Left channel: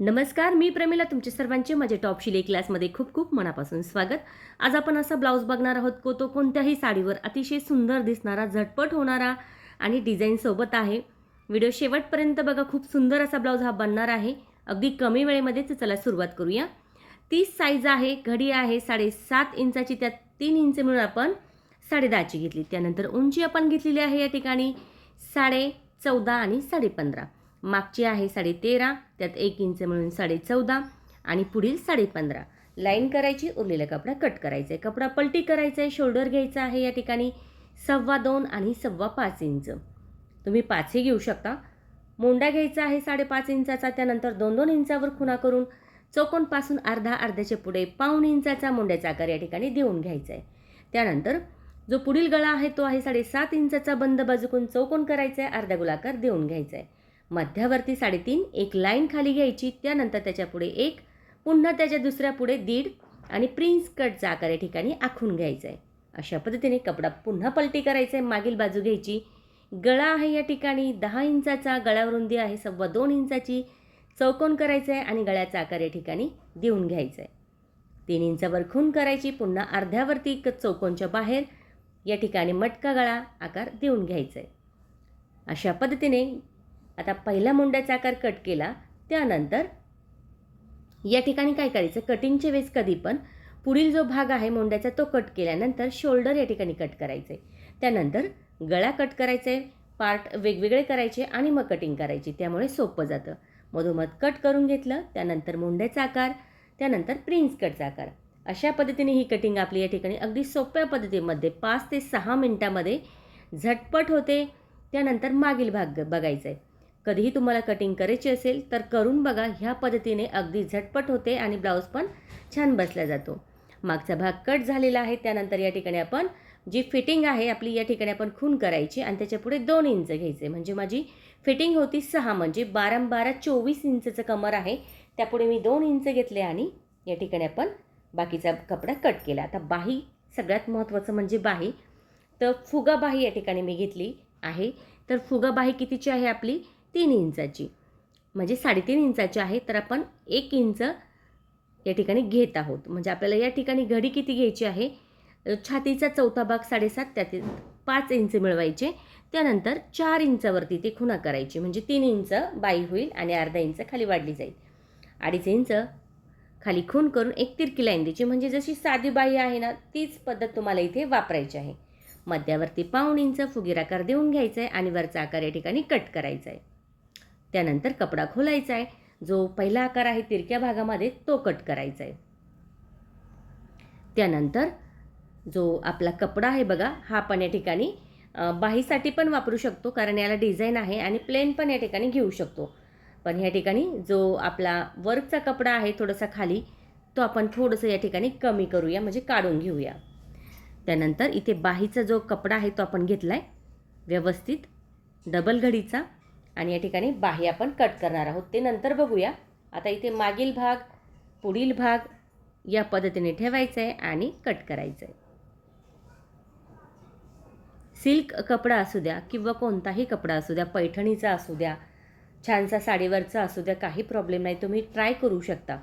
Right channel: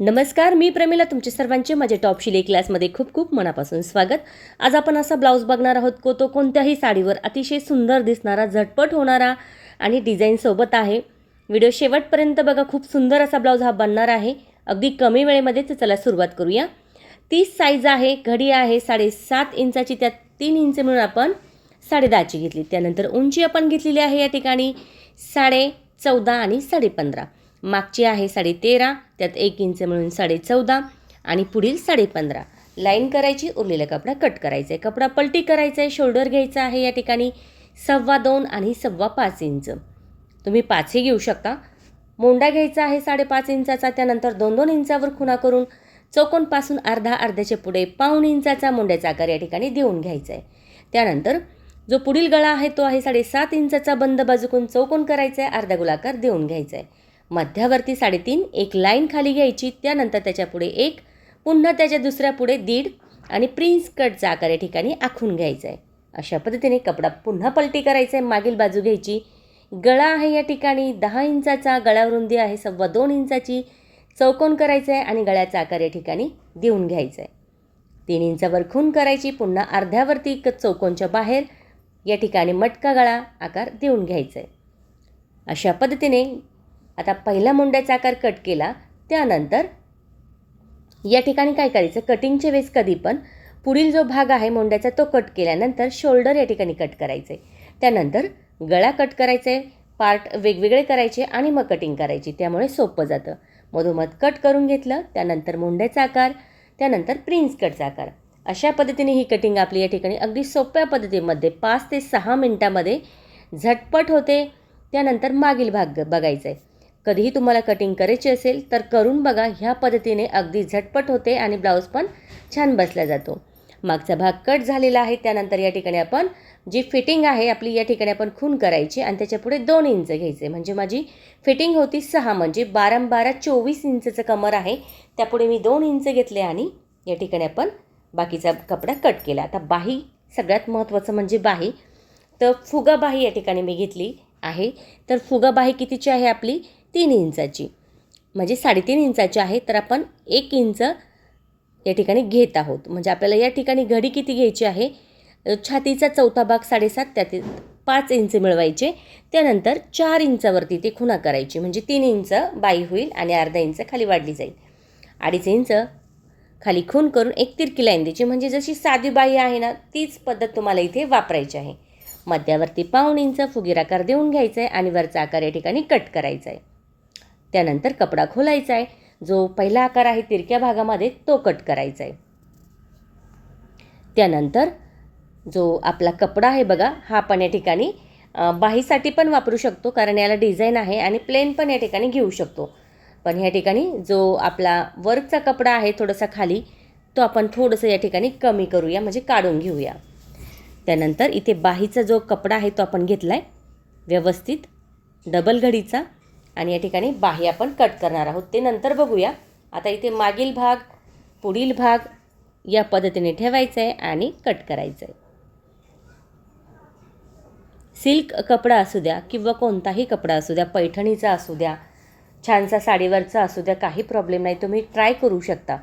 नमस्कार मी प्रमिला तुमचे सर्वांचे माझ्या टॉप शिले क्लासमध्ये खूप खूप मनापासून स्वागत. आज आपण असा ब्लाऊज बघणार आहोत को तो कोणत्याही साडीवर अतिशय सुंदर दिसणारा झटपट होणारा आणि डिझाईनसोबत आहे. व्हिडिओ शेवटपर्यंत बघा खूप सुंदर असा ब्लाऊज हा बनणार आहे. अगदी कमी वेळेमध्ये तर चला सुरुवात करूया. तीस साईज आहे घडी आहे साडेसात इंचाची त्यात तीन इंच मिळून आपण साडेदहाची घेतली. त्यानंतर उंची आपण घेतलेली आहे या ठिकाणी साडे चौदा आणि साडेपंधरा मागची आहे साडे तेरा त्यात एक इंच मिळून साडे चौदा आणि पुढील साडेपंधरा. लाईन करायची उरलेला कपडा कट करायचा आहे. कपडा पलटी करायचा आहे शोल्डर घ्यायचा आहे या ठिकाणी. सव्वा दोन आणि सव्वा पाच इंच. तुम्ही पाचही घेऊ शकता. मोंडा घ्यायचा आहे साडेपाच इंचाचा त्यानंतर दोन दोन इंचावर खुणा करून चौकोनपासून अर्धा अर्ध्याच्या पुढे पाऊण इंचाचा मोंड्याचा आकार या ठिकाणी देऊन घ्यायचा आहे. त्यानंतर जो पुढील गळा आहे तो आहे साडेसात इंचाचा बंद बाजूकून चौकोन करायचा आहे अर्धा गोलाकार देऊन घ्यायचा आहे. मध्यावरती साडेतीन एक लाईन खाली घ्यायची त्यानंतर त्याच्या पुढे एक पुन्हा त्याच्या दुसऱ्या पुढे दीड आणि प्रिन्स कटचा आकार या ठिकाणी आखून घ्यायचा आहे अशा पद्धतीने कपडा पुन्हा पलटी करायचा आहे मागील बाजू घ्यायची. गळा आहे या ठिकाणी दहा इंचाचा गळावर रुंदी आहे सव्वा दोन इंचाची चौकोन करायचा आहे आणि गळ्याचा आकार या ठिकाणी देऊन घ्यायचा आहे तीन इंचावर खून करायची पुन्हा अर्ध्यावरती एक चौकोनच्या बाहेर या ठिकाणी मटका गळा आकार देऊन घ्यायचा आहे अशा पद्धतीने आता पहिला मुंड्याचा आकार कट केला त्यानंतर या ठिकाणी काय करायचं? कटिंगच्या वेळेस कधी पण पुढील जो भाग आहे मुंड्याचा तो कट केल्यानंतर शोल्डर या ठिकाणी कट करायचं आहे त्यानंतर गळा कट करायचा आहे पार्ट वेगवेगळे करायचे आणि मग कटिंग करायची. त्यामुळे सोपं जातं. मधोमध कट करून घेतलं त्यानंतर मुंड्याचा आकार त्यानंतर प्रिन्स कटचा आकार. अशा पद्धतीने ही कटिंग आपली या ठिकाणी अगदी सोप्या पद्धतीमध्ये पाच ते सहा मिनटामध्ये झटपट होते. त्यानंतर मागील भाग बघायचा आहे कधीही तुम्हाला कटिंग करायची असेल तर करून बघा. ह्या पद्धतीने अगदी झटपट होते आणि ब्लाऊज पण छान बसला जातो. मागचा भाग कट झालेला आहे. त्यानंतर या ठिकाणी आपण जी फिटिंग आहे आपली या ठिकाणी आपण खून करायची आणि त्याच्यापुढे दोन इंच घ्यायचे. म्हणजे माझी फिटिंग होती सहा म्हणजे बारा बारा चोवीस इंचचं कमर आहे. त्यापुढे मी दोन इंच घेतले आणि या ठिकाणी आपण बाकीचा कपडा कट केला. आता बाही सगळ्यात महत्त्वाचं म्हणजे बाही. तर फुगा बाही या ठिकाणी मी घेतली आहे. तर फुगा बाही कितीची आहे आपली? तीन इंचाची. म्हणजे साडेतीन इंचाची आहे तर आपण एक इंच या ठिकाणी घेत आहोत. म्हणजे आपल्याला या ठिकाणी घडी किती घ्यायची आहे? छातीचा चौथा भाग साडेसात त्यातील पाच इंच मिळवायचे. त्यानंतर चार इंचावरती ते खुणा करायची. म्हणजे तीन इंच बाई होईल आणि अर्धा इंच खाली वाढली जाईल. अडीच इंच खाली खून करून एक तिरकी लाईन द्यायची. म्हणजे जशी साधी बाई आहे ना तीच पद्धत तुम्हाला इथे वापरायची आहे. मध्यावरती पाऊण इंच फुगीर आकार देऊन घ्यायचा आहे आणि वरचा आकार या ठिकाणी कट करायचा आहे त्यानंतर कपडा खोलायचा आहे जो पहिला आकार आहे तिरक्या भागामध्ये तो कट करायचा आहे त्यानंतर जो आपला कपडा आहे बघा हा पण या ठिकाणी बाहीसाठी पण वापरू शकतो कारण याला डिझाईन आहे आणि प्लेन पण या ठिकाणी घेऊ शकतो. पण ह्या ठिकाणी जो आपला वर्कचा कपडा आहे थोडासा खाली तो आपण थोडंसं या ठिकाणी कमी करूया म्हणजे काढून घेऊया. त्यानंतर इथे बाहीचा जो कपडा आहे तो आपण घेतला आहे व्यवस्थित डबल घडीचा. आणि या ठिकाणी बाही आपण कट करणार आहोत. ते नंतर बघूया. आता इथे मागील भाग पुढील भाग या पद्धतीने ठेवायचा आहे आणि कट करायचं आहे सिल्क कपडा असू द्या किंवा कोणताही कपडा असू द्या पैठणीचा असू द्या छानसा साडीवरचा असू द्या काही प्रॉब्लेम नाही. तुम्ही ट्राय करू शकता.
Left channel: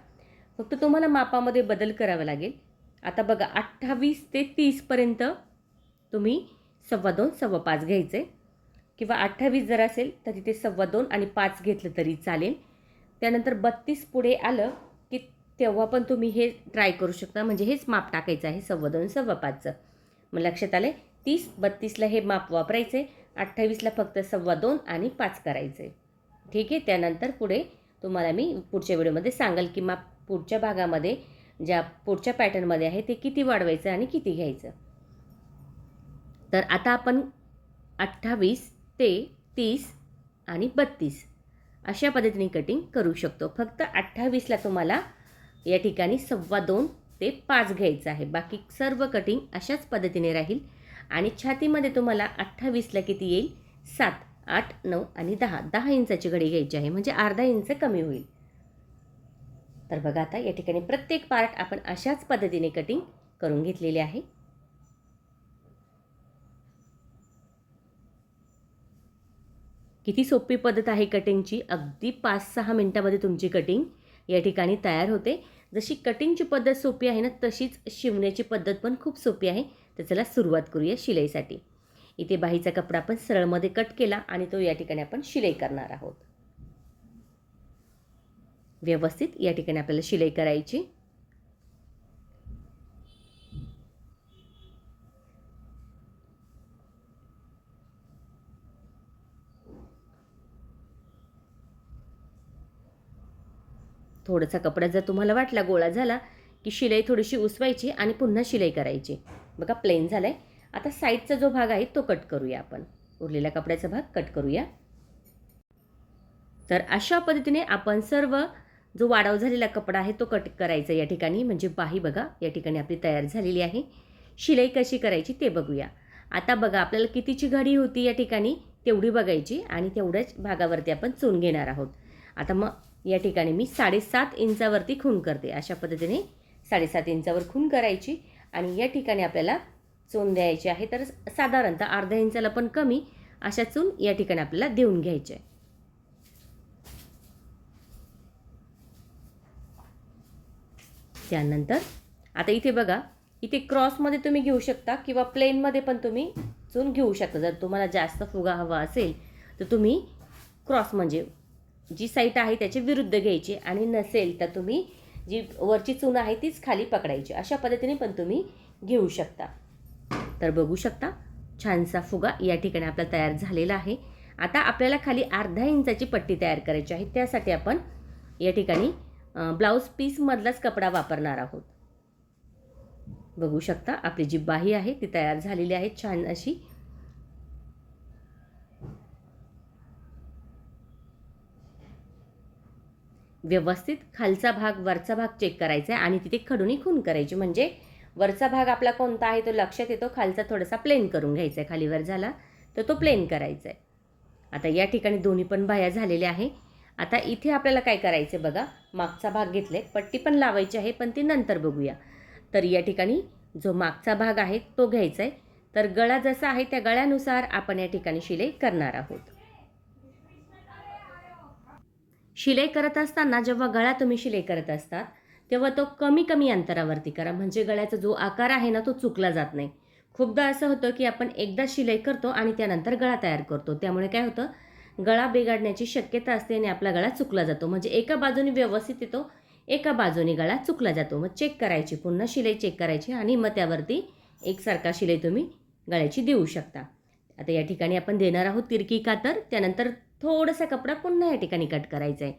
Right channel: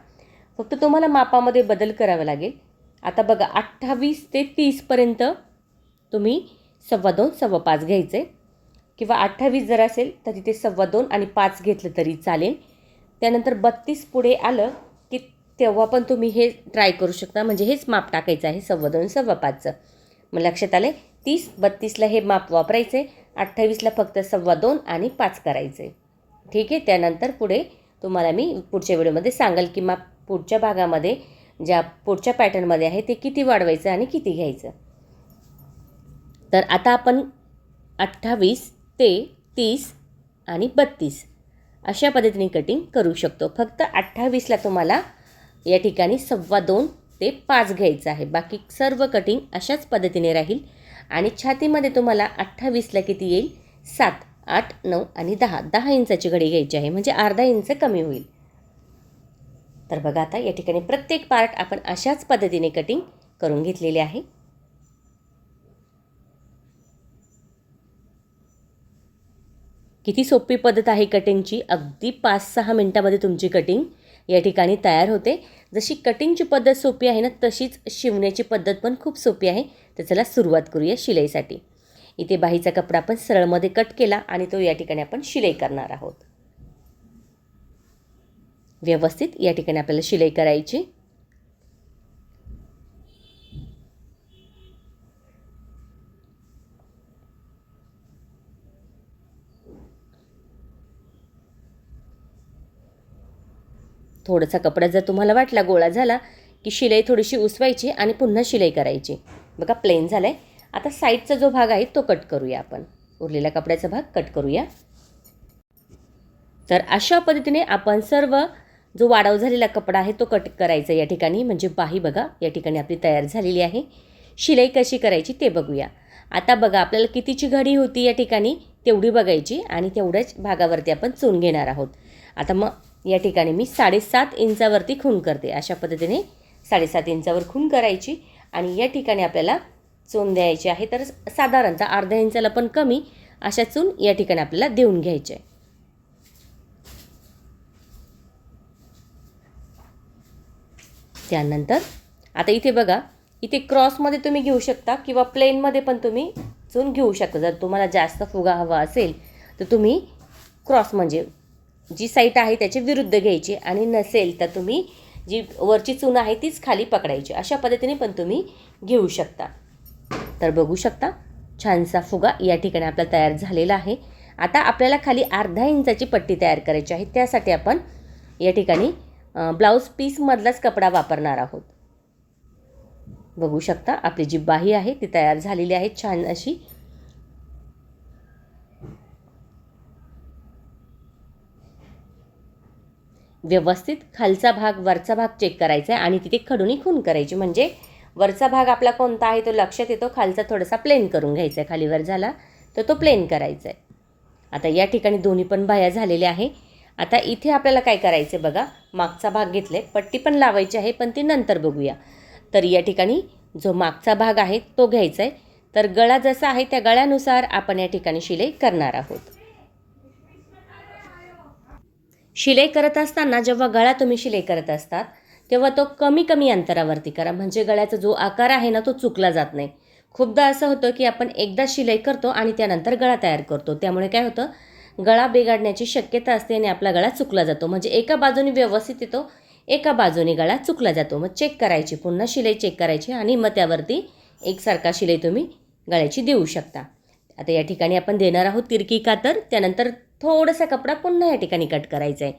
फक्त तुम्हाला मापामध्ये बदल करावा लागेल. आता बघा अठ्ठावीस ते तीसपर्यंत तुम्ही सव्वा दोन सव्वा पाच घ्यायचे किंवा अठ्ठावीस जर असेल तर तिथे सव्वा दोन आणि पाच घेतलं तरी चालेल. त्यानंतर बत्तीस पुढे आलं की तेव्हा पण तुम्ही हे ट्राय करू शकता. म्हणजे हेच माप टाकायचं आहे सव्वा दोन सव्वा पाचचं. मग लक्षात आले तीस बत्तीसला हे माप वापरायचं आहे अठ्ठावीसला फक्त सव्वा दोन आणि पाच करायचे ठीक आहे? त्यानंतर पुढे तुम्हाला मी पुढच्या व्हिडिओमध्ये सांगाल की माप पुढच्या भागामध्ये ज्या पुढच्या पॅटर्नमध्ये आहे ते किती वाढवायचं आणि किती घ्यायचं. तर आता आपण अठ्ठावीस ते तीस आणि बत्तीस. अशा पद्धतीने कटिंग करू शकतो. फक्त अठ्ठावीसला तुम्हाला या ठिकाणी सव्वा दोन ते पाच घ्यायचं आहे. बाकी सर्व कटिंग अशाच पद्धतीने राहील. आणि छातीमध्ये तुम्हाला अठ्ठावीसला किती येईल? सात आठ नऊ आणि दहा. दहा इंचाची घडी घ्यायची आहे. म्हणजे अर्धा इंच कमी होईल. तर बघा आता या ठिकाणी प्रत्येक पार्ट आपण अशाच पद्धतीने कटिंग करून घेतलेले आहे. किती सोपी पद्धत आहे कटिंगची? अगदी पाच सहा मिनटामध्ये तुमची कटिंग या ठिकाणी तयार होते. जशी कटिंगची पद्धत सोपी आहे ना तशीच शिवण्याची पद्धत पण खूप सोपी आहे. तर चला सुरुवात करूया शिलाईसाठी. इथे बाहीचा कपडा आपण सरळमध्ये कट केला आणि तो या ठिकाणी आपण शिलाई करणार आहोत. व्यवस्थित या ठिकाणी आपल्याला शिलाई करायची. थोडासा कपडा जर तुम्हाला वाटला गोळा झाला की शिलाई थोडीशी उसवायची आणि पुन्हा शिलाई करायची. बघा प्लेन झालं आहे आता साईडचा जो भाग आहे तो कट करूया आपण. उरलेला कपड्याचा भाग कट करूया. तर अशा पद्धतीने आपण सर्व जो वाढाव झालेला कपडा आहे तो कट करायचा या ठिकाणी. म्हणजे बाही बघा या ठिकाणी आपली तयार झालेली आहे. शिलाई कशी करायची ते बघूया. आता बघा आपल्याला कितीची घडी होती या ठिकाणी तेवढी बघायची आणि तेवढ्याच भागावरती आपण चून घेणार आहोत. आता मग या ठिकाणी मी साडेसात इंचावरती खून करते. अशा पद्धतीने साडेसात इंचावर खून करायची आणि या ठिकाणी आपल्याला चून द्यायची आहे तर साधारणतः अर्ध्या इंचाला पण कमी अशा चून या ठिकाणी आपल्याला देऊन घ्यायचे. त्यानंतर आता इथे बघा इथे क्रॉसमध्ये तुम्ही घेऊ शकता किंवा प्लेनमध्ये पण तुम्ही चून घेऊ शकता. जर तुम्हाला जास्त फुगा हवा असेल तर तुम्ही क्रॉस म्हणजे जी साईट आहे त्याची विरुद्ध घ्यायची आणि नसेल तर तुम्ही जी वरची चून आहे तीच खाली पकडायची. अशा पद्धतीने पण तुम्ही घेऊ शकता. तर बघू शकता छानसा फुगा या ठिकाणी आपला तयार झालेला आहे. आता आपल्याला खाली अर्धा इंचाची पट्टी तयार करायची आहे. त्यासाठी आपण या ठिकाणी ब्लाऊज पीसमधलाच कपडा वापरणार आहोत. बघू शकता आपली जी बाही आहे ती तयार झालेली आहे. छान अशी व्यवस्थित खालचा भाग वरचा भाग चेक करायचा आहे आणि तिथे खडूनी खून करायची. म्हणजे वरचा भाग आपला कोणता आहे तो लक्षात येतो. खालचा थोडासा प्लेन करून घ्यायचा आहे. खालीवर झाला तर तो प्लेन करायचा आहे. आता या ठिकाणी दोन्ही पण बाया झालेल्या आहे. आता इथे आपल्याला काय करायचं आहे बघा. मागचा भाग घेतले पट्टी पण लावायची आहे पण ती नंतर बघूया. तर या ठिकाणी जो मागचा भाग आहे तो घ्यायचा आहे. तर गळा जसा आहे त्या गळ्यानुसार आपण या ठिकाणी शिलाई करणार आहोत. शिलाई करत असताना जेव्हा गळा तुम्ही शिलाई करत असतात तेव्हा तो कमी कमी अंतरावरती करा. म्हणजे गळ्याचा जो आकार आहे ना तो चुकला जात नाही. खूपदा असं होतं की आपण एकदा शिलाई करतो आणि त्यानंतर गळा तयार करतो. त्यामुळे काय होतं गळा बिघडण्याची शक्यता असते आणि आपला गळा चुकला जातो. म्हणजे एका बाजूने व्यवस्थित येतो एका बाजूने गळा चुकला जातो. मग चेक करायची पुन्हा शिलाई चेक करायची आणि मग त्यावरती एकसारखा शिलाई तुम्ही गळ्याची देऊ शकता. आता या ठिकाणी आपण देणार आहोत तिरकी कातर त्यानंतर थोडासा कपडा पुन्हा या ठिकाणी कट करायचा आहे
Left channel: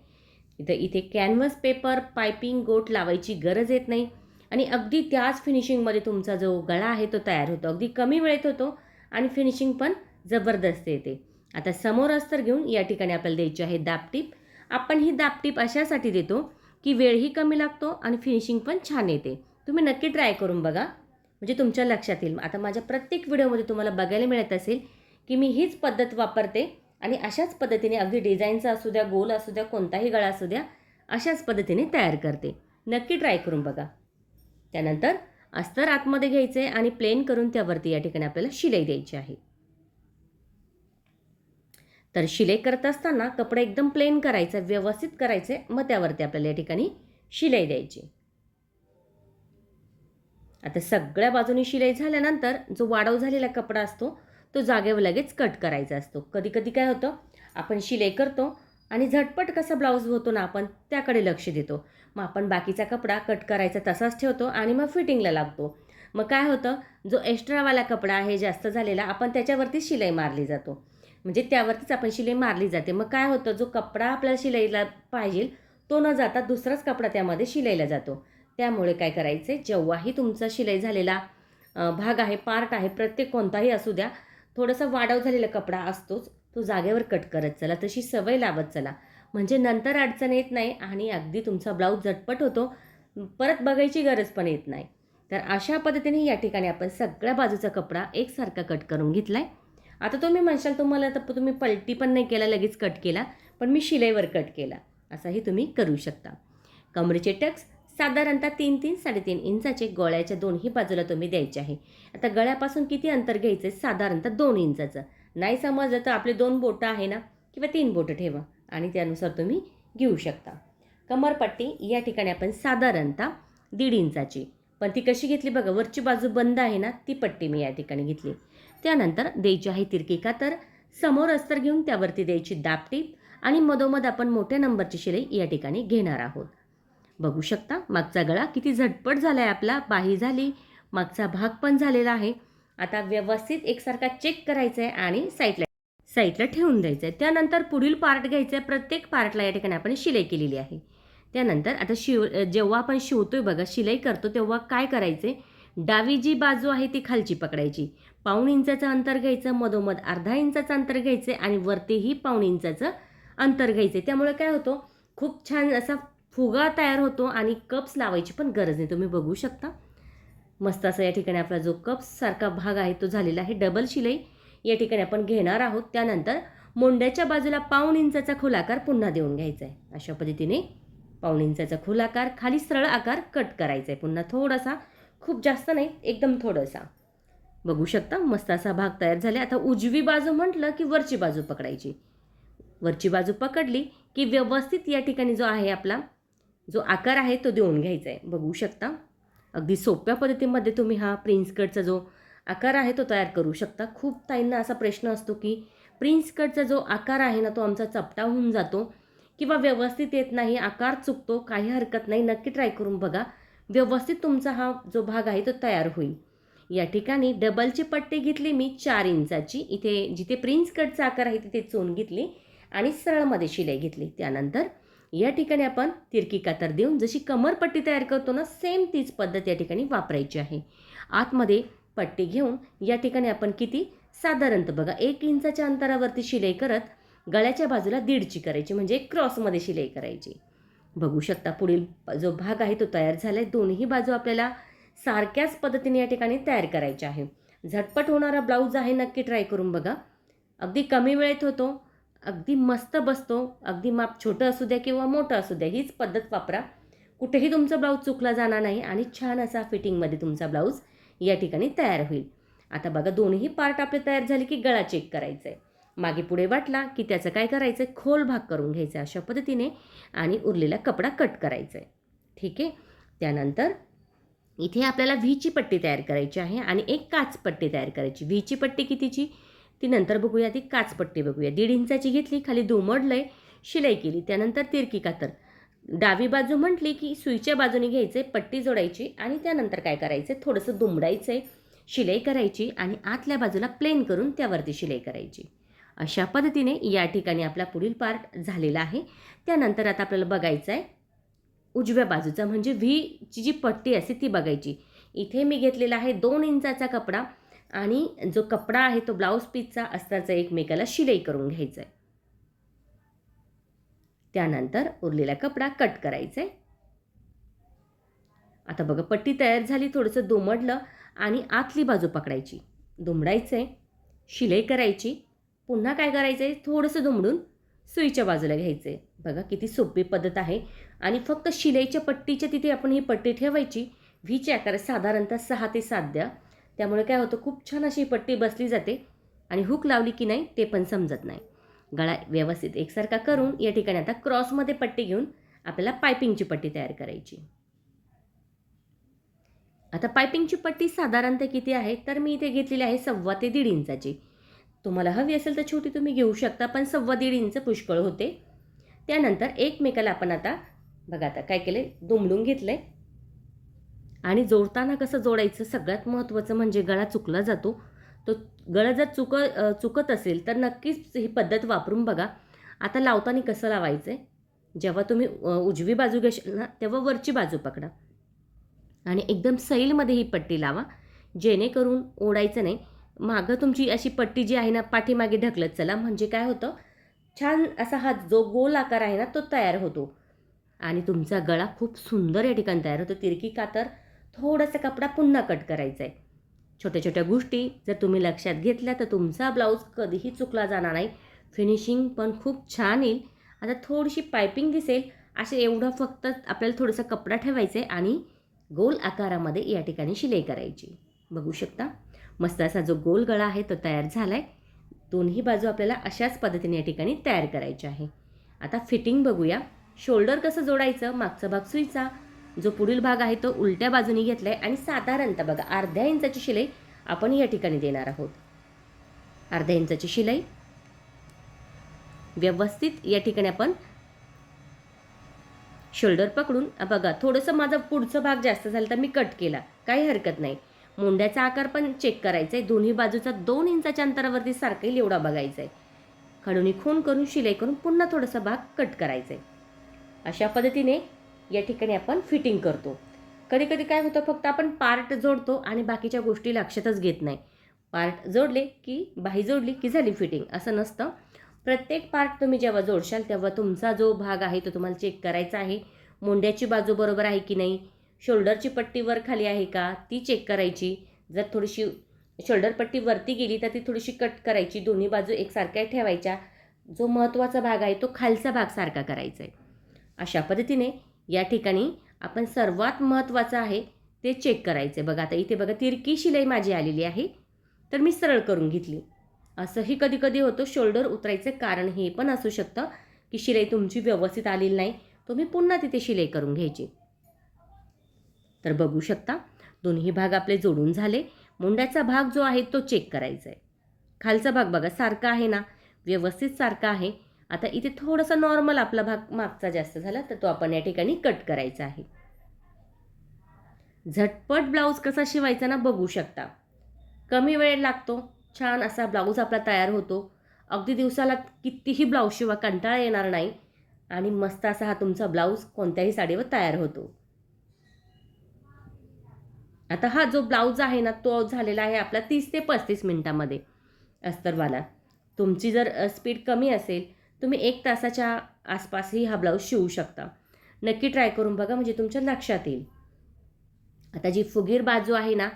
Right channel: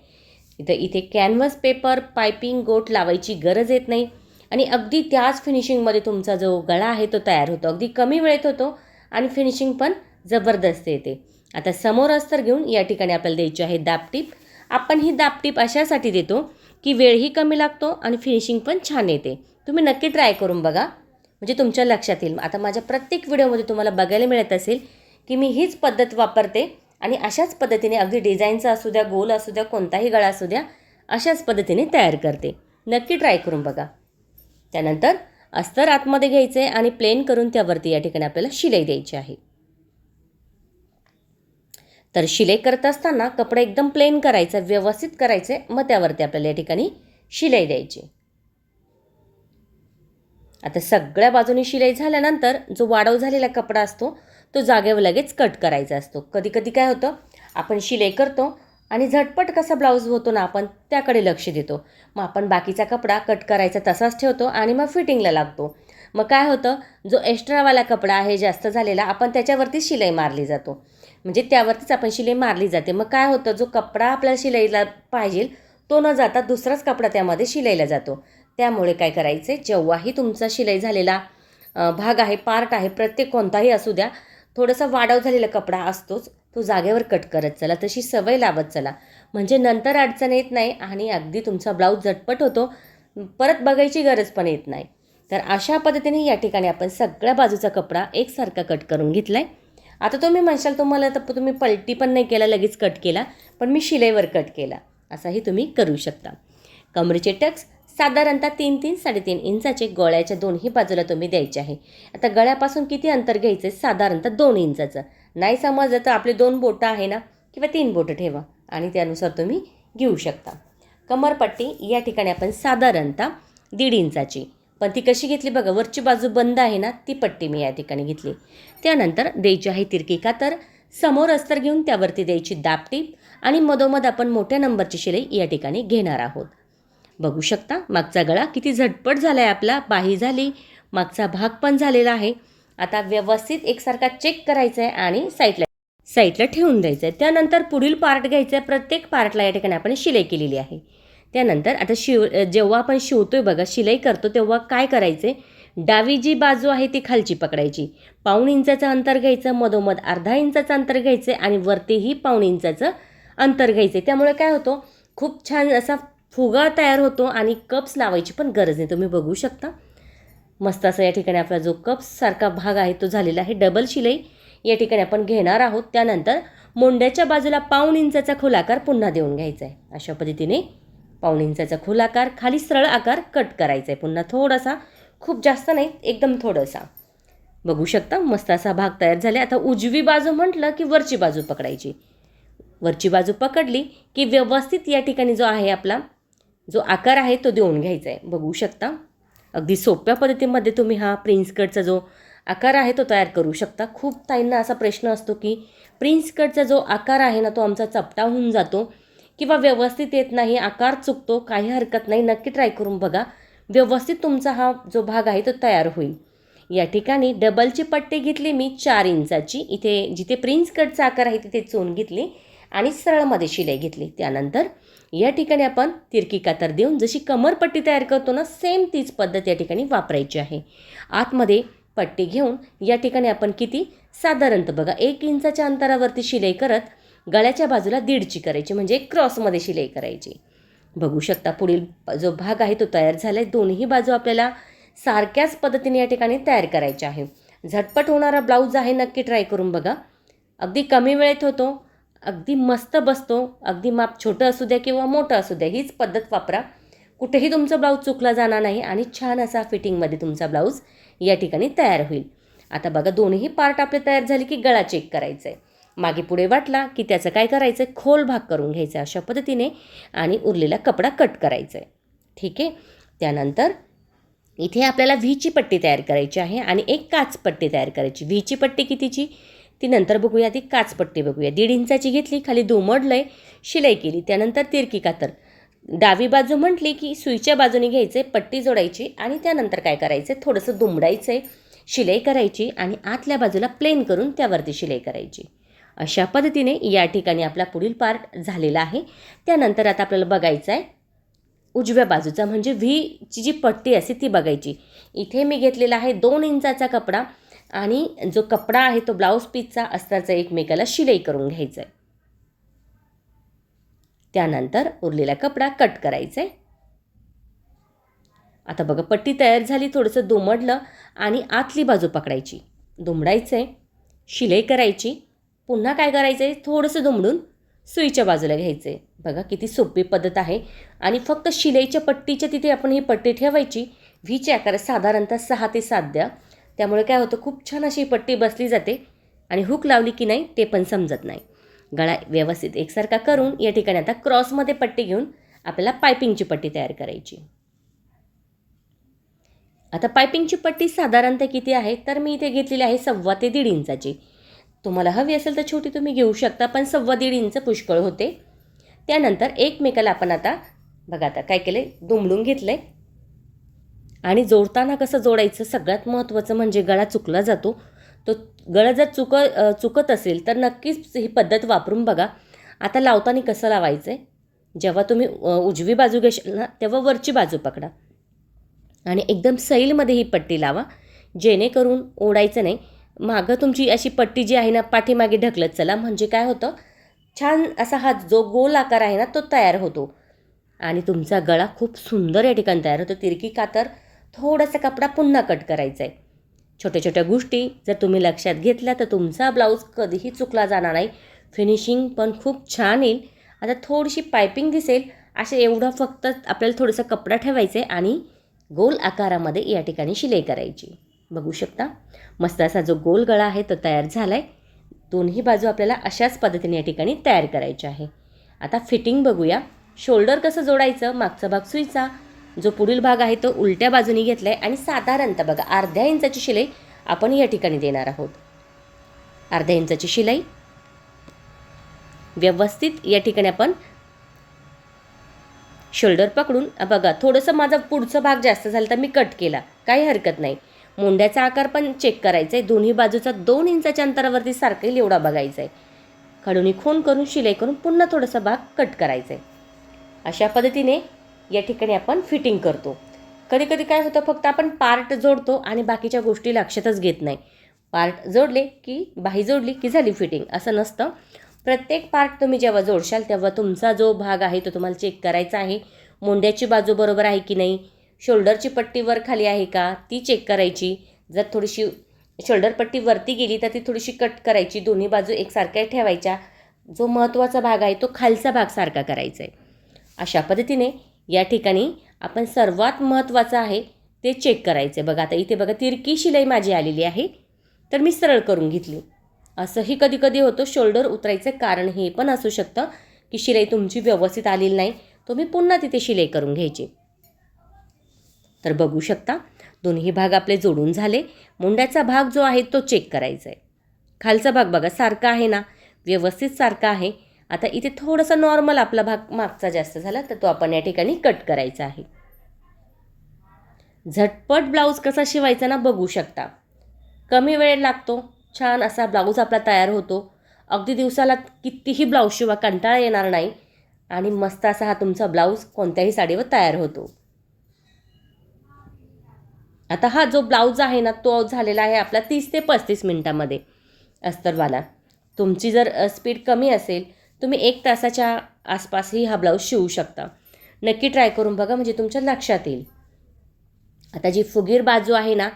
इथं इथे कॅनव्हस पेपर पायपिंग गोट लावायची गरज येत नाही. आणि अगदी त्याच फिनिशिंगमध्ये तुमचा जो गळा आहे तो तयार होतो. अगदी कमी वेळेत होतो आणि फिनिशिंग पण जबरदस्त येते. आता समोर अस्तर घेऊन या ठिकाणी आपल्याला द्यायची आहे दापटीप आपण ही दापटीप अशासाठी देतो की वेळही कमी लागतो आणि फिनिशिंग पण छान येते. तुम्ही नक्की ट्राय करून बघा. म्हणजे तुमच्या लक्षात येईल. आता माझ्या प्रत्येक व्हिडिओमध्ये तुम्हाला बघायला मिळत असेल की मी हीच पद्धत वापरते. आणि अशाच पद्धतीने अगदी डिझाईनचा असू द्या गोल असू द्या कोणताही गळा असू द्या अशाच पद्धतीने तयार करते. नक्की ट्राय करून बघा. त्यानंतर अस्तर आतमध्ये घ्यायचे आहे आणि प्लेन करून त्यावरती या ठिकाणी आपल्याला शिलाई द्यायची आहे. तर शिलाई करत असताना कपडा एकदम प्लेन करायचा व्यवस्थित करायचे मग त्यावरती आपल्याला या ठिकाणी शिलाई द्यायची. आता सगळ्या बाजूनी शिलाई झाल्यानंतर जो वाढव झालेला कपडा असतो तो जागेवर लगेच कट करायचा असतो. कधी कधी काय होतं आपण शिलाई करतो आणि झटपट कसा ब्लाऊज होतो ना आपण त्याकडे लक्ष देतो. मग आपण बाकीचा कपडा कट करायचा तसाच ठेवतो आणि मग फिटिंगला लागतो. मग काय होतं जो एक्स्ट्रावाला कपडा आहे जास्त झालेला आपण त्याच्यावरती शिलाई मारली जातो. म्हणजे त्यावरतीच आपण शिलाई मारली जाते. मग काय होतं जो कपडा आपल्याला शिलाईला पाहिजे तो न जाता दुसराच कपडा त्यामध्ये शिलाईला जातो. त्यामुळे काय करायचं आहे जेव्हाही तुमचा शिलाई झालेला भाग आहे पार्ट आहे प्रत्येक कोणताही असू द्या थोडासा वाढव झालेला कपडा असतोच तो जागेवर कट करत चला. तशी सवय लावत चला. म्हणजे नंतर अडचण येत नाही आणि अगदी तुमचा ब्लाऊज झटपट होतो परत बघायची गरज पण येत नाही. तर अशा पद्धतीने या ठिकाणी आपण सगळ्या बाजूचा कपडा एकसारखा कट करून घेतला आहे आता तुम्ही म्हणशाल तुम्हाला तर तुम्ही पलटी पण नाही केला लगेच कट केला पण मी शिलाईवर कट केला. असाही तुम्ही करू शकता. कमरेचे टक्स साधारणतः तीन तीन साडेतीन इंचाचे गळ्याच्या दोन्ही बाजूला तुम्ही द्यायचे आहे. आता गळ्यापासून किती अंतर घ्यायचं? आहे साधारणतः दोन इंचाचं. नाही समजलं तर आपले दोन बोटं आहे ना? किंवा तीन बोटं ठेवा आणि त्यानुसार तुम्ही घेऊ शकता. कमरपट्टी या ठिकाणी आपण साधारणतः दीड इंचाची. पण ती कशी घेतली बघा वरची बाजू बंद आहे ना ती पट्टी मी या ठिकाणी घेतली. त्यानंतर द्यायची आहे तिरकी कातर. समोर अस्तर घेऊन त्यावरती द्यायची दापटी. आणि मधोमध आपण मोठ्या नंबरची शिलाई या ठिकाणी घेणार आहोत. बघू शकता मागचा गळा किती झटपट झाला आहे आपला बाही झाली मागचा भाग पण झालेला आहे. आता व्यवस्थित एकसारखा चेक करायचा आहे आणि साईडला साईडला ठेवून द्यायचं आहे त्यानंतर पुढील पार्ट घ्यायचा आहे प्रत्येक पार्टला या ठिकाणी आपण शिलाई केलेली आहे. त्यानंतर आता शिव जेव्हा आपण शिवतोय बघा शिलाई करतो तेव्हा काय करायचे डावी जी बाजू आहे ती खालची पकडायची. पाऊण इंचाचं अंतर घ्यायचं मधोमध अर्धा इंचाचं अंतर घ्यायचं आणि वरतीही पाऊण इंचाचं अंतर घ्यायचं त्यामुळे काय होतो? खूप छान असा फुगा तयार होतो आणि कप्स लावायची पण गरज नाही. तुम्ही बघू शकता. मस्त असा या ठिकाणी आपला जो कप्ससारखा भाग आहे तो झालेला आहे. डबल शिलाई या ठिकाणी आपण घेणार आहोत. त्यानंतर मोंड्याच्या बाजूला पाऊण इंचाचा खोलाकार पुन्हा देऊन घ्यायचा आहे. अशा पद्धतीने पाऊण इंचाचा खोलाकार खाली सरळ आकार कट करायचा आहे. पुन्हा थोडासा खूप जास्त नाही एकदम थोडासा. बघू शकता मस्त असा भाग तयार झाला. आता उजवी बाजू म्हटलं की वरची बाजू पकडायची. वरची बाजू पकडली की व्यवस्थित या ठिकाणी जो आहे आपला जो आकार आहे तो देऊन घ्यायचा आहे. बघू शकता. अगदी सोप्या पद्धतीमध्ये तुम्ही हा प्रिन्स कटचा जो आकार आहे तो तयार करू शकता. खूप ताईंना असा प्रश्न असतो की प्रिन्स कटचा जो आकार आहे ना तो आमचा चपटा होऊन जातो किंवा व्यवस्थित येत नाही आकार चुकतो काही हरकत नाही नक्की ट्राय करून बघा. व्यवस्थित तुमचा हा जो भाग आहे तो तयार होईल. या ठिकाणी डबलची पट्टी घेतली मी चार इंचाची. इथे जिथे प्रिन्स कटचा आकार आहे तिथे चोन घेतली आणि सरळमध्ये शिलाई घेतली. त्यानंतर या ठिकाणी आपण तिरकी कातर देऊन जशी कमरपट्टी तयार करतो ना सेम तीच पद्धत या ठिकाणी वापरायची आहे. आतमध्ये पट्टी घेऊन या ठिकाणी आपण किती? साधारणतः बघा एक इंचाच्या अंतरावरती शिलाई करत गळ्याच्या बाजूला दीडची करायची म्हणजे क्रॉसमध्ये शिलाई करायची. बघू शकता पुढील जो भाग आहे तो तयार झाला आहे दोन्ही बाजू आपल्याला सारख्याच पद्धतीने या ठिकाणी तयार करायचे आहे. झटपट होणारा ब्लाऊज आहे नक्की ट्राय करून बघा. अगदी कमी वेळेत होतो. अगदी मस्त बसतो अगदी माप छोटं असू द्या किंवा मोठं असू द्या हीच पद्धत वापरा. कुठेही तुमचा ब्लाऊज चुकला जाणार नाही आणि छान असा फिटिंगमध्ये तुमचा ब्लाऊज या ठिकाणी तयार होईल. आता बघा दोन्ही पार्ट आपले तयार झाले की गळा चेक करायचा आहे मागे पुढे वाटला की त्याचं काय करायचं आहे खोल भाग करून घ्यायचा अशा पद्धतीने आणि उरलेला कपडा कट करायचा आहे ठीक आहे? त्यानंतर इथे आपल्याला व्हीची पट्टी तयार करायची आहे आणि एक काच पट्टी तयार करायची. व्हीची पट्टी कितीची? ती नंतर बघूया ती काच पट्टी बघूया. दीड इंचाची घेतली खाली दुमडलंय शिलाई केली. त्यानंतर तिरकी कातर. डावी बाजू म्हटली की सुईच्या बाजूने घ्यायचे पट्टी जोडायची आणि त्यानंतर काय करायचं? थोडंसं दुमडायचं आहे शिलाई करायची आणि आतल्या बाजूला प्लेन करून त्यावरती शिलाई करायची. अशा पद्धतीने या ठिकाणी आपला पुढील पार्ट झालेला आहे. त्यानंतर आता आपल्याला बघायचं आहे उजव्या बाजूचा म्हणजे व्हीची जी पट्टी असते ती बघायची. इथे मी घेतलेला आहे दोन इंचाचा कपडा. आणि जो कपडा आहे तो ब्लाऊज पीसचा असताचा एकमेकाला शिलाई करून घ्यायचा आहे त्यानंतर उरलेला कपडा कट करायचा आहे आता बघा पट्टी तयार झाली थोडंसं दुमडलं आणि आतली बाजू पकडायची. दुमडायचं आहे शिलाई करायची. पुन्हा काय करायचं आहे थोडंसं दुमडून सुईच्या बाजूला घ्यायचं आहे बघा किती सोपी पद्धत आहे. आणि फक्त शिलाईच्या पट्टीच्या तिथे आपण ही पट्टी ठेवायची. व्हीच्या आकार साधारणतः सहा ते सात द्या. त्यामुळे काय होतं खूप छान अशी पट्टी बसली जाते आणि हुक लावली की नाही ते पण समजत नाही. गळा व्यवस्थित एकसारखा करून या ठिकाणी आता क्रॉसमध्ये पट्टी घेऊन आपल्याला पायपिंगची पट्टी तयार करायची. आता पायपिंगची पट्टी साधारणतः किती आहे? तर मी इथे घेतलेली आहे सव्वा ते दीड इंचाची. तुम्हाला हवी असेल तर छोटी तुम्ही घेऊ शकता पण सव्वा दीड इंच पुष्कळ होते. त्यानंतर एकमेकाला आपण आता बघा आता काय केलं आहे दुमडून घेतलं आहे आणि जोडताना कसं जोडायचं सगळ्यात महत्त्वाचं म्हणजे गळा चुकला जातो. तो गळा जर चुक चुकत असेल तर नक्कीच ही पद्धत वापरून बघा. आता लावताना कसं लावायचं आहे जेव्हा तुम्ही उजवी बाजू घेशाल ना तेव्हा वरची बाजू पकडा. आणि एकदम सैलमध्ये ही पट्टी लावा. जेणेकरून ओढायचं नाही. मागं तुमची अशी पट्टी जी आहे ना पाठीमागे ढकलत चला. म्हणजे काय होतं? छान असा हा जो गोल आकार आहे ना तो तयार होतो. आणि तुमचा गळा खूप सुंदर या ठिकाणी तयार होतो. तिरकी कातर थोडासा कपडा पुन्हा कट करायचा आहे छोट्या छोट्या गोष्टी जर तुम्ही लक्षात घेतल्या तर तुमचा ब्लाऊज कधीही चुकला जाणार नाही. फिनिशिंग पण खूप छान येईल. आता थोडीशी पायपिंग दिसेल. असे एवढं फक्त आपल्याला थोडंसं कपडा ठेवायचा आहे आणि गोल आकारामध्ये या ठिकाणी शिलाई करायची. बघू शकता. मस्त असा जो गोल गळा आहे तो तयार झाला आहे दोन्ही बाजू आपल्याला अशाच पद्धतीने या ठिकाणी तयार करायच्या आहे. आता फिटिंग बघूया. शोल्डर कसं जोडायचं? मागचा भाग सुईचा. जो पुढील भाग आहे तो उलट्या बाजूने घेतला आहे आणि साधारणतः बघा अर्ध्या इंचाची शिलाई आपण या ठिकाणी देणार आहोत. अर्ध्या इंचाची शिलाई व्यवस्थित या ठिकाणी आपण शोल्डर पकडून बघा थोडंसं माझा पुढचा भाग जास्त झाला तर मी कट केला काही हरकत नाही. मुंड्याचा आकार पण चेक करायचा आहे दोन्ही बाजूचा दोन इंचाच्या अंतरावरती सारखं येईल एवढा बघायचा आहे खडूनी खून करून शिलाई करून पुन्हा थोडासा भाग कट करायचा आहे अशा पद्धतीने या ठिकाणी आपण फिटिंग करतो. कधी कधी काय होतं फक्त आपण पार्ट जोडतो आणि बाकीच्या गोष्टी लक्षातच घेत नाही. पार्ट जोडले की बाही जोडली की झाली फिटिंग असं नसतं. प्रत्येक पार्ट तुम्ही जेव्हा जोडशाल तेव्हा तुमचा जो भाग आहे तो तुम्हाला चेक करायचा आहे. मोंड्याची बाजू बरोबर आहे की नाही? शोल्डरची पट्टी वर खाली आहे का? ती चेक करायची. जर थोडीशी शोल्डर पट्टी वरती गेली तर ती थोडीशी कट करायची. दोन्ही बाजू एकसारख्या ठेवायच्या. जो महत्त्वाचा भाग आहे तो खालचा भाग सारखा करायचा आहे अशा पद्धतीने या ठिकाणी आपण सर्वात महत्त्वाचं आहे ते चेक करायचं आहे बघा आता इथे बघा तिरकी शिलाई माझी आलेली आहे. तर मी सरळ करून घेतली. असंही कधी कधी होतं शोल्डर उतरायचं कारण हे पण असू शकतं की शिलाई तुमची व्यवस्थित आलेली नाही तुम्ही पुन्हा तिथे शिलाई करून घ्यायची. तर बघू शकता दोन्ही भाग आपले जोडून झाले. मुंड्याचा भाग जो आहे तो चेक करायचा आहे खालचा भाग बघा सारखा आहे ना? व्यवस्थित सारखा आहे. आता इथे थोडासा नॉर्मल आपला भाग मागचा जास्त झाला तर तो आपण या ठिकाणी कट करायचा आहे. झटपट ब्लाऊज कसा शिवायचा ना बघू शकता. कमी वेळ लागतो छान असा ब्लाऊज आपला तयार होतो. अगदी दिवसाला कितीही ब्लाऊज शिवा कंटाळा येणार नाही. आणि मस्त असा हा तुमचा ब्लाऊज कोणत्याही साडीवर तयार होतो. आता हा जो ब्लाऊज आहे ना तो झालेला आहे आपला तीस ते पस्तीस मिनटामध्ये. अस्तरवाला तुमची जर स्पीड कमी असेल तुम्ही एक तासाच्या आसपासही हा ब्लाऊज शिवू शकता. नक्की ट्राय करून बघा म्हणजे तुमच्या लक्षात येईल. आता जी फुगीर बाजू आहे ना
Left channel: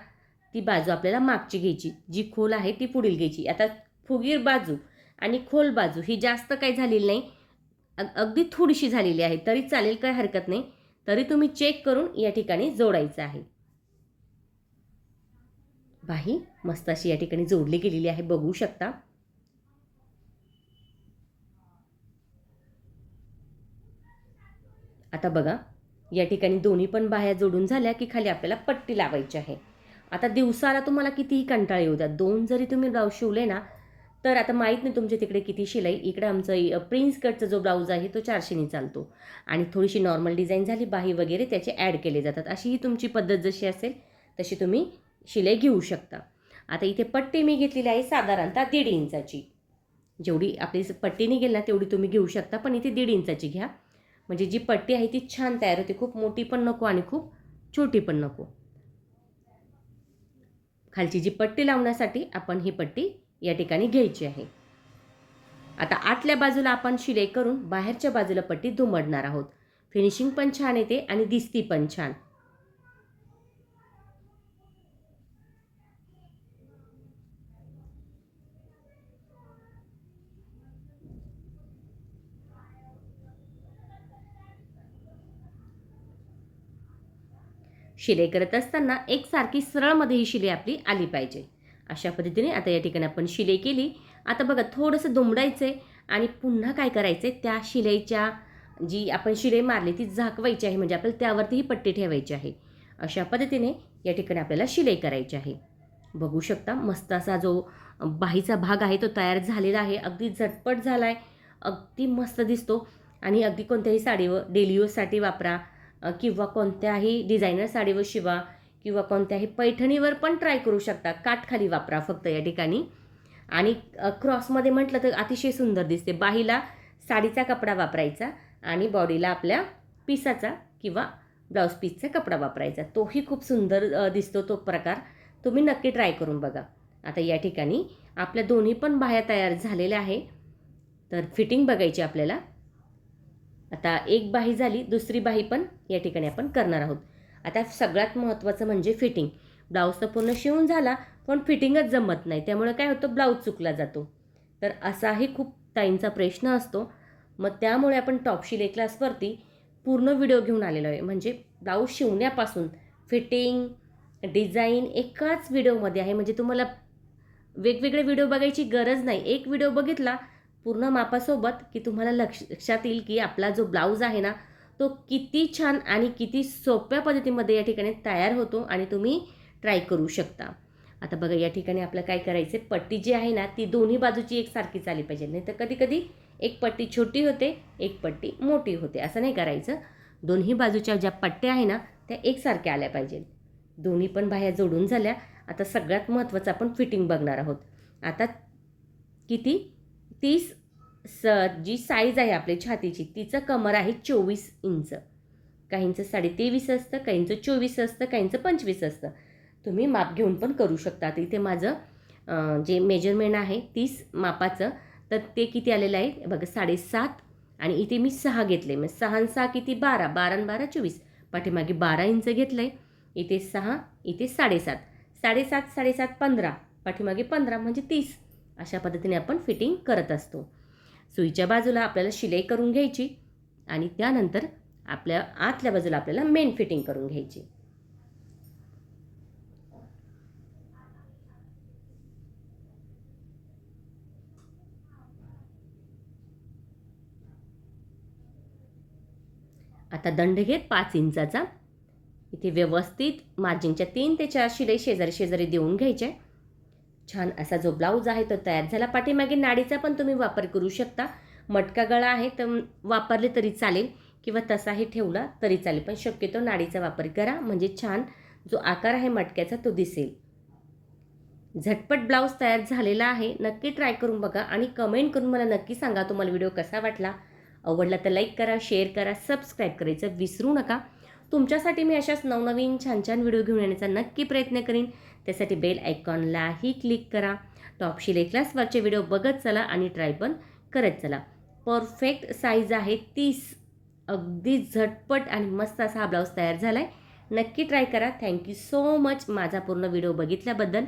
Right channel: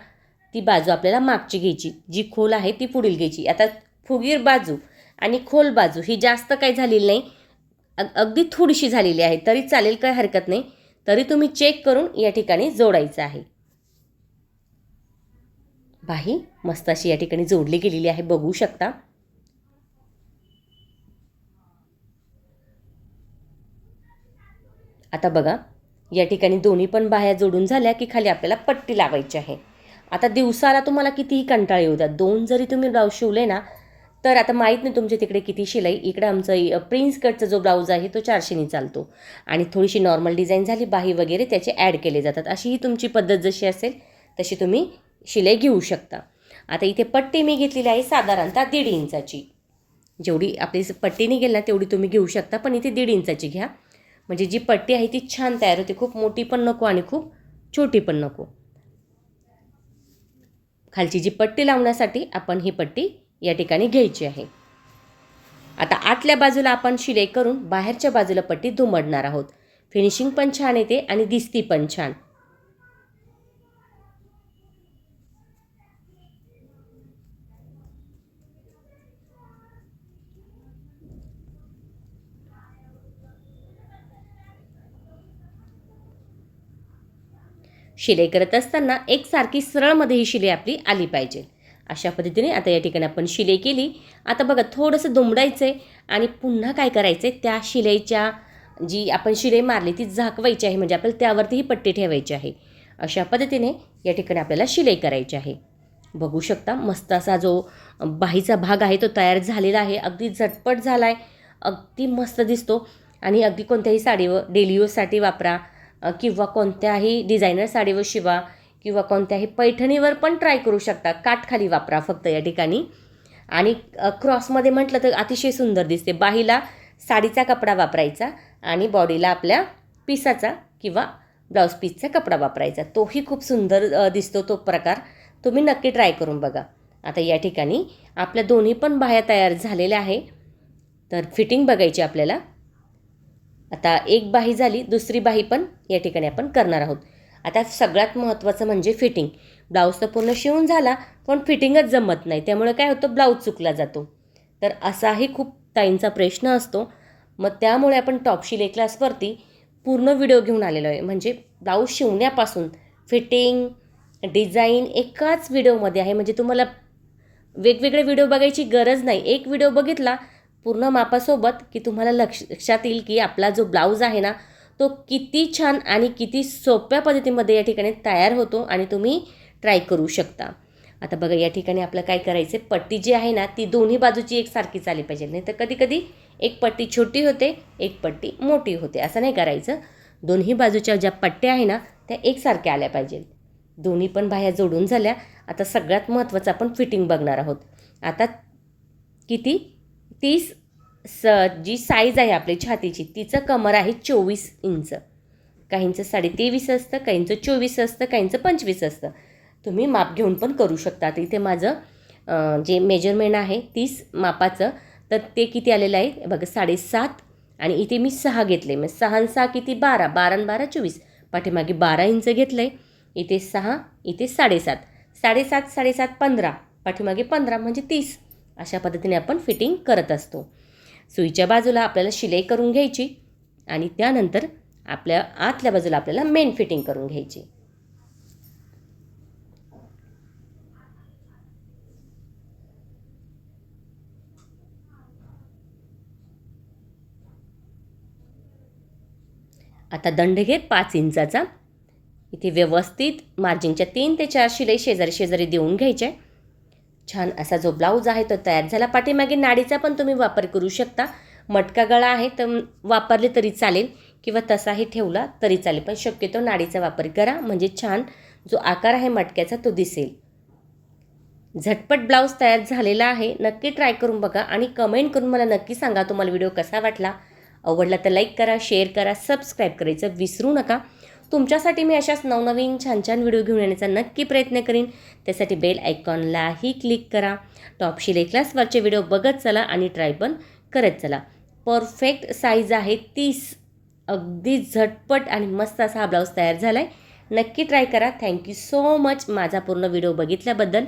ती बाजू आपल्याला मागची घ्यायची. जी खोल आहे ती पुढील घ्यायची. आता फुगीर बाजू आणि खोल बाजू ही जास्त काही झालेली नाही. अग अगदी थोडीशी झालेली आहे. तरी चालेल काही हरकत नाही. तरी तुम्ही चेक करून या ठिकाणी जोडायचं आहे. बाही मस्त अशी या ठिकाणी जोडली गेलेली आहे. बघू शकता. आता बघा या ठिकाणी दोन्ही पण बाह्या जोडून झाल्या की खाली आपल्याला पट्टी लावायची आहे. आता दिवसाला तुम्हाला कितीही कंटाळ येऊ द्या दोन जरी तुम्ही ब्लाऊज शिवले ना तर आता माहीत नाही तुमच्या तिकडे किती शिलाई. इकडे आमचं प्रिन्स कटचा जो ब्लाऊज आहे तो चारशेनी चालतो. आणि थोडीशी नॉर्मल डिझाईन झाली बाही वगैरे त्याचे ॲड केले जातात. अशी ही तुमची पद्धत जशी असेल तशी तुम्ही शिलाई घेऊ शकता. आता इथे पट्टी मी घेतलेली आहे साधारणतः दीड इंचाची. जेवढी आपली पट्टी निघेल ना तेवढी तुम्ही घेऊ शकता पण इथे दीड इंचाची घ्या. म्हणजे जी पट्टी आहे ती छान तयार होते. खूप मोठी पण नको आणि खूप छोटी पण नको. खालची जी पट्टी लावण्यासाठी आपण ही पट्टी या ठिकाणी घ्यायची आहे. आता आतल्या बाजूला आपण शिलाई करून बाहेरच्या बाजूला पट्टी दुमडणार आहोत. फिनिशिंग पण छान येते आणि दिसती पण छान. शिलाई करत असताना एकसारखी सरळमध्ये ही शिलाई आपली आली पाहिजे. अशा पद्धतीने आता या ठिकाणी आपण शिलाई केली. आता बघा थोडंसं दुमडायचं आहे आणि पुन्हा काय करायचं आहे त्या शिलाईच्या जी आपण शिलाई मारली ती झाकवायची आहे. म्हणजे आपल्याला त्यावरती ही पट्टी ठेवायची आहे. अशा पद्धतीने या ठिकाणी आपल्याला शिलाई करायची आहे. बघू शकता मस्त असा जो बाहीचा भाग आहे तो तयार झालेला आहे. अगदी झटपट झाला आहे अगदी मस्त दिसतो. आणि अगदी कोणत्याही साडीवर डेली यूजसाठी वापरा. किंवा कोणत्याही डिझायनर साडीवर शिवा किंवा कोणत्याही पैठणीवर पण ट्राय करू शकता. काठखाली वापरा फक्त या ठिकाणी. आणि क्रॉसमध्ये म्हटलं तर अतिशय सुंदर दिसते. बाहीला साडीचा कपडा वापरायचा आणि बॉडीला आपल्या पिसाचा किंवा ब्लाऊज पीसचा कपडा वापरायचा. तोही खूप सुंदर दिसतो तो प्रकार. तुम्ही नक्की ट्राय करून बघा. आता या ठिकाणी आपल्या दोन्ही पण बाह्या तयार झालेल्या आहे. तर फिटिंग बघायची आपल्याला. आता एक बाही झाली दुसरी बाही पण या ठिकाणी आपण करणार आहोत. आता सगळ्यात महत्त्वाचं म्हणजे फिटिंग ब्लाऊज तर पूर्ण शिवून झाला पण फिटिंगच जमत नाही. त्यामुळे काय होतं? ब्लाऊज चुकला जातो. तर असाही खूप ताईंचा प्रश्न असतो. मग त्यामुळे आपण टॉप शिले क्लासवरती पूर्ण व्हिडिओ घेऊन आलेलो आहे. म्हणजे ब्लाऊज शिवण्यापासून फिटिंग डिझाईन एकाच व्हिडिओमध्ये आहे. म्हणजे तुम्हाला वेगवेगळे व्हिडिओ बघायची गरज नाही. एक व्हिडिओ बघितला पूर्ण मापासोबत की तुम्हाला लक्ष लक्षात येईल की आपला जो ब्लाऊज आहे ना तो किती छान आणि किती सोप्या पद्धतीमध्ये या ठिकाणी तयार होतो आणि तुम्ही ट्राय करू शकता. आता बघा या ठिकाणी आपलं काय करायचं आहे? पट्टी जी आहे ना ती दोन्ही बाजूची एकसारखी आली पाहिजे. नाही तर कधीकधी एक पट्टी छोटी होते एक पट्टी मोठी होते. असं नाही करायचं. दोन्ही बाजूच्या ज्या पट्ट्या आहे ना त्या एकसारख्या आल्या पाहिजेत. दोन्ही पण बाह्या जोडून झाल्या. आता सगळ्यात महत्त्वाचं आपण फिटिंग बघणार आहोत. आता किती तीस स जी साईज आहे आपली छातीची तिचं कमर आहे चोवीस इंच. काहींचं साडे तेवीस असतं काहींचं चोवीस असतं काहींचं पंचवीस असतं. तुम्ही माप घेऊन पण करू शकता. तर इथे माझं जे मेजरमेंट आहे तीस मापाचं तर ते किती आलेलं आहे? बघा साडेसात. आणि इथे मी सहा घेतले. मग सहा सहा किती? बारा. बारा आणि बारा चोवीस. पाठीमागे बारा इंच घेतलं आहे इथे सहा इथे साडेसात. साडेसात साडेसात पंधरा. पाठीमागे पंधरा म्हणजे तीस. अशा पद्धतीने आपण फिटिंग करत असतो. सुईच्या बाजूला आपल्याला शिलाई करून घ्यायची आणि त्यानंतर आपल्या आतल्या बाजूला आपल्याला मेन फिटिंग करून घ्यायची. आता दंड घे पाच इंचाचा. इथे व्यवस्थित मार्जिनच्या तीन ते चार शिलाई शेजारी शेजारी देऊन घ्यायच्या. छान असा जो ब्लाऊज आहे तो तयार झाला. पाठीमागे नाडीचा पण तुम्ही वापर करू शकता. मटका गळा आहे तर वापरले तरी चालेल किंवा तसाही ठेवला तरी चालेल. पण शक्यतो नाडीचा वापर करा. म्हणजे छान जो आकार आहे मटक्याचा तो दिसेल. झटपट ब्लाऊज तयार झालेला आहे. नक्की ट्राय करून बघा आणि कमेंट करून मला नक्की सांगा तुम्हाला व्हिडिओ कसा वाटला. आवडला तर लाईक करा शेअर करा सबस्क्राईब करायचं विसरू नका. तुमच्यासाठी मी अशाच नवनवीन छान छान व्हिडिओ घेऊन येण्याचा नक्की प्रयत्न करीन. त्यासाठी बेल आयकॉनलाही क्लिक करा. टॉप शिलाई क्लासवरचे व्हिडिओ बघत चला आणि ट्राय पण करत चला. परफेक्ट साईज आहे तीस. अगदी झटपट आणि मस्त असा हा ब्लाऊज तयार झाला आहे नक्की ट्राय करा. थँक्यू सो मच माझा पूर्ण व्हिडिओ बघितल्याबद्दल